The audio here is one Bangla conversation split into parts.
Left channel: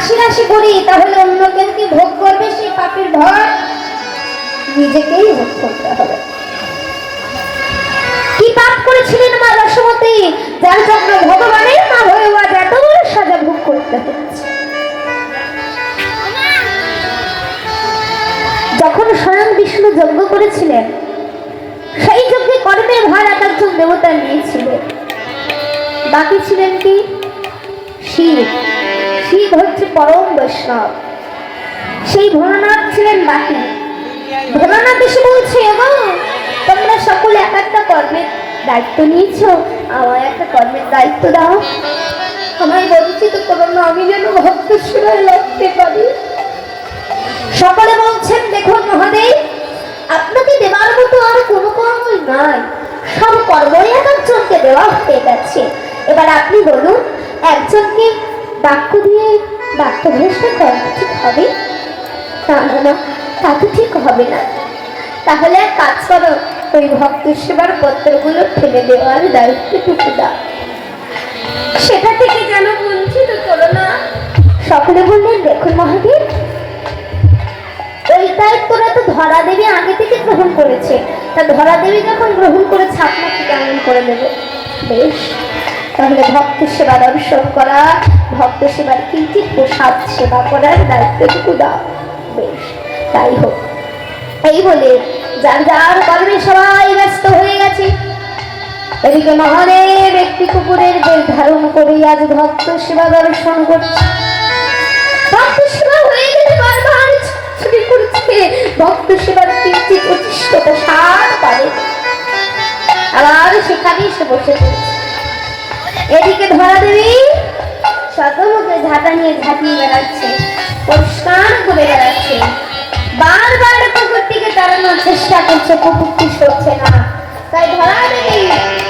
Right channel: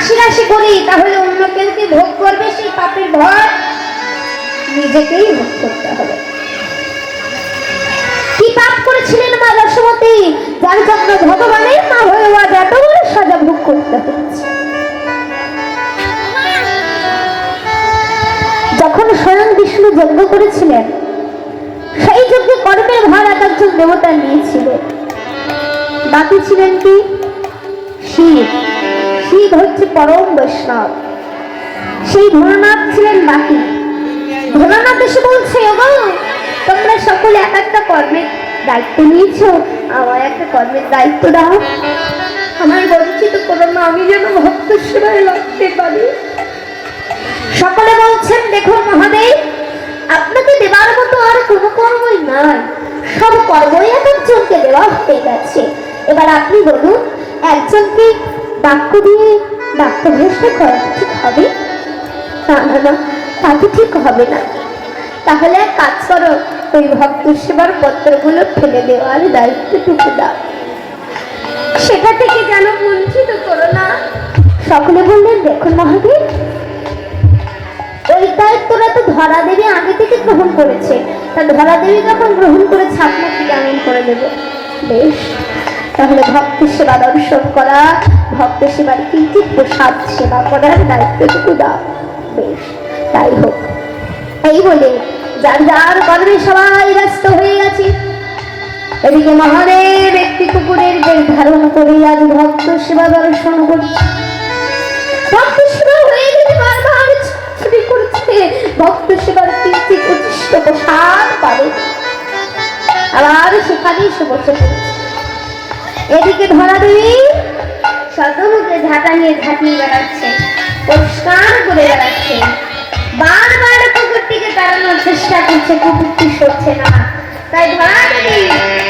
রাশি রাশি করি, তাহলে অন্য কেউ কি ভোগ করবে সেই পাপের ভর নিজেকেই ভোগ করতে হবে। কি পাপ করেছিলেন মা রসমতী যার জন্য ভগবানের মা হয়ে আজ এত বড় সাজা ভোগ করতে হচ্ছে। যখন স্বয়ং বিষ্ণু যজ্ঞ করেছিলেন, সেই যজ্ঞে কর্মের ভার এক একজন দেবতা নিয়েছিলেন বাকি ছিলেন কি? শিব। শিব হচ্ছে পরম বৈষ্ণব। সেই ভোলানাথ ছিলেন বাকি ভোলানাথ এসে বলছে এবং তোমরা সকলে এক একটা কর্মের দায়িত্ব নিয়েছো। আমার একটা কর্মের দায়িত্ব দাও। আমার বঞ্চিত করো না, আমি যেন ভক্ত সেবায় লাগতে পারি। সকলে বলছেন দেখুন মহাদেব আপনাকে দেওয়ার মতো আর কোনো কর্মই নাই। সব কর্মই এক একজনকে দেওয়া হয়ে গেছে। এবার আপনি বলুন, একজনকে বাক্য দিয়ে বাক্য ভ্রষ্ট করা ঠিক হবে? না না তা তো ঠিক হবে না। তাহলে এক কাজ করো, ওই ভক্ত সেবার পত্রগুলো ফেলে দেওয়ার দায়িত্বটুকু দাও। সেটা থেকে যেন বঞ্চিত করো না। সকলে বললেন দেখুন মহাদেব ওই দায়িত্বটা তো ধরা দেবী আগে থেকে গ্রহণ করেছে। তা ধরা দেবী যখন গ্রহণ করেছে আপনাকে কেমন করে দেবো বেশ তাহলে ভক্ত সেবা দর্শন করা ভক্ত সেবার কিঞ্চিত প্রসাদ সেবা করার দায়িত্বটুকু দাও। তাই হোক। এই বলে যার যার কর্মে সবাই ব্যস্ত হয়ে গেছে। এদিকে মহাদেব একটি কুকুরের বেশ ধারণ করে আজ ভক্ত সেবা দর্শন করছে। ভক্ত সেবার কিঞ্চিত উচ্ছিষ্ট প্রসাদ পাবে। আর সেখানেই সে বসে পড়েছে এদিকে ধরা দেবী শতমুখে ঝাঁটা নিয়ে ঝাঁটিয়ে বেড়াচ্ছে, পরিষ্কার করে বেড়াচ্ছে। বারবার কুকুরটিকে তাড়ানোর চেষ্টা করছে, কুকুরটি সরছে না। তাই ধরা দেবী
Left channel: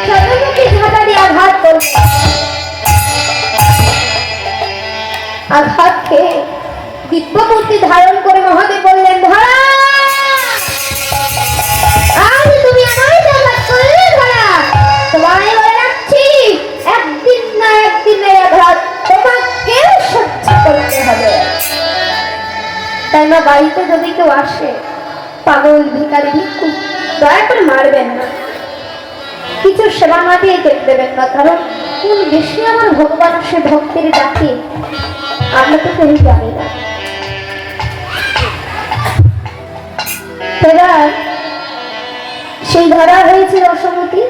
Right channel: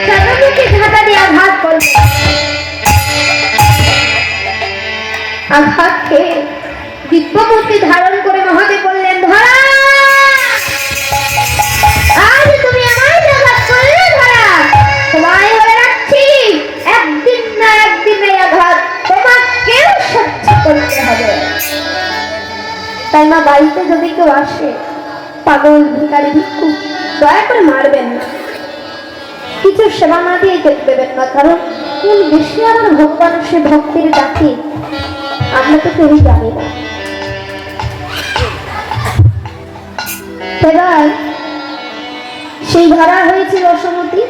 শতমুখে ঝাঁটা দিয়ে আঘাত করছে। আঘাত খেয়ে দিব্যমূর্তি ধারণ করে মা বাড়িতে যদি কেউ আসে, পাগল ভিকারি ভিক্ষু, দয়া করে মারবেন না। কিছু সেবা না দিয়ে কেটে দেবেন না, কারণ কোন বেশি আমার ভগবান সে ভক্তির ডাকে, আমরা তো কেউ জানি না। এবার সেই ধরা হয়েছে রসমতি,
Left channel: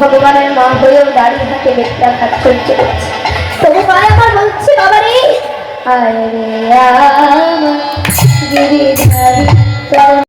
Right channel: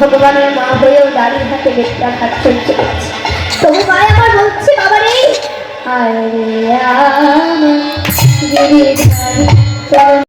ভগবানের মন হয়েও দাঁড়িয়ে হাতে বেটটা হাত চলছে। তবু মায় আমার বলছে